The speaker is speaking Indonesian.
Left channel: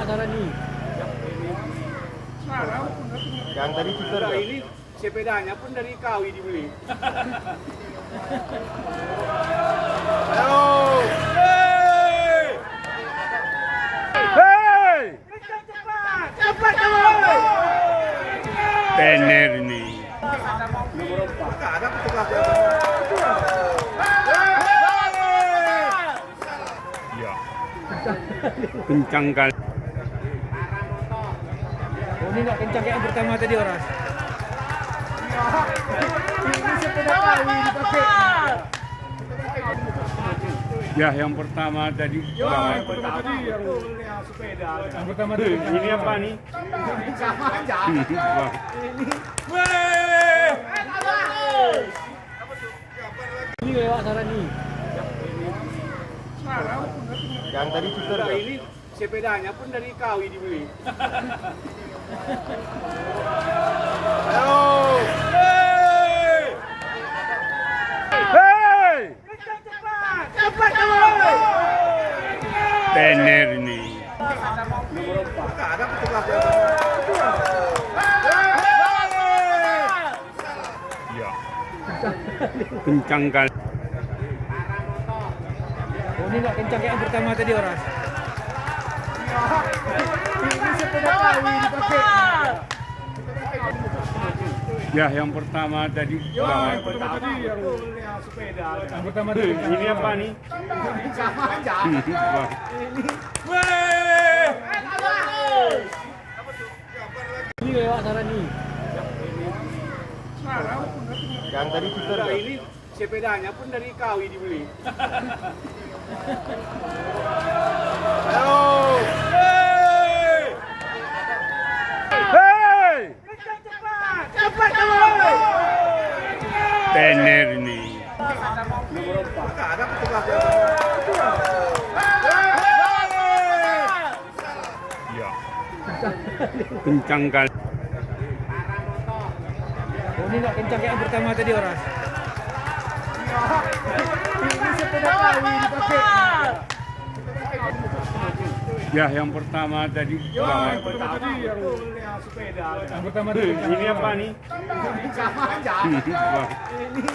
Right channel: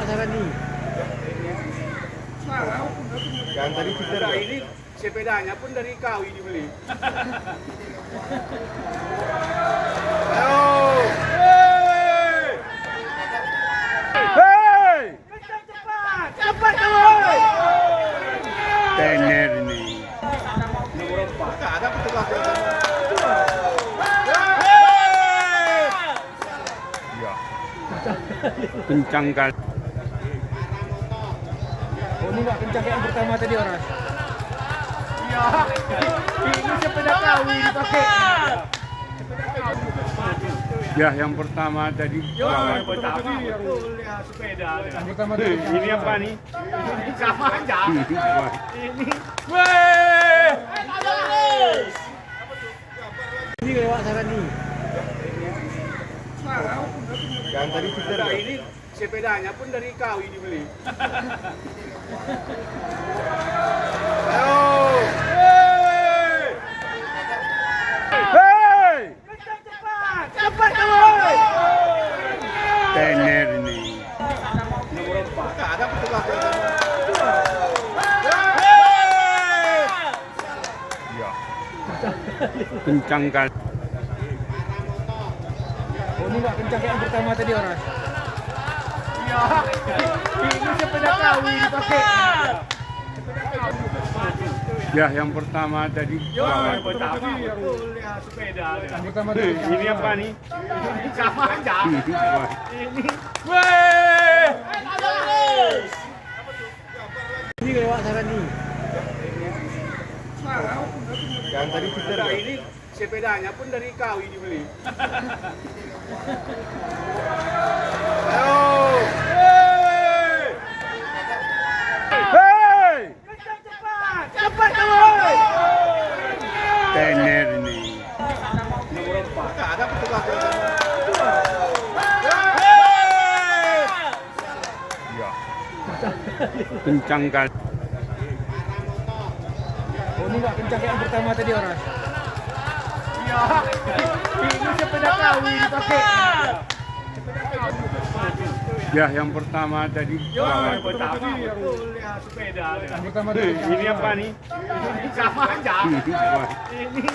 lewat sana nih. Yang tadi Twitter ya? Ini sepedanya pun dari kau ini beli. Ayo! Cepat kawan. Tener nih. Nomor 4. Ada petugas Ya. Kencang kali. Ini nggak kencang kayak yang pertama tadi orang. Ya. Ini sepeda kau ini pakai. Ya, yang pertama tadi. Yang pertama betul ya sepeda. Yang pertama tadi. Ini apa nih? Ini sama aja. Wah, Ini. Weh. Ini lewat sana nih. Yang tadi Twitter ya? Ini sepedanya pun dari kau ini beli. Ayo! Cepat kawan. Tener nih. Nomor 4. Ada petugas Ya. Kencang kali. Ini nggak kencang kayak yang pertama tadi orang. Ya. Ini sepeda kau ini pakai. Ya, yang pertama tadi. Yang pertama betul ya sepeda. Yang pertama tadi. Ini apa nih? Ini sama aja. Wah, Ini. Weh. Ini lewat sana nih. Yang tadi Twitter ya? Ini sepedanya pun dari kau ini beli. Ayo! Cepat kawan. Tener nih. Nomor 4. Ada petugas Ya. Kencang kali. Ini nggak kencang kayak yang pertama tadi orang. Ya. Ini sepeda kau ini pakai. Ya, yang pertama tadi. Yang pertama betul ya sepeda. Yang pertama tadi. Ini apa nih? Ini sama aja. Wah, Ini.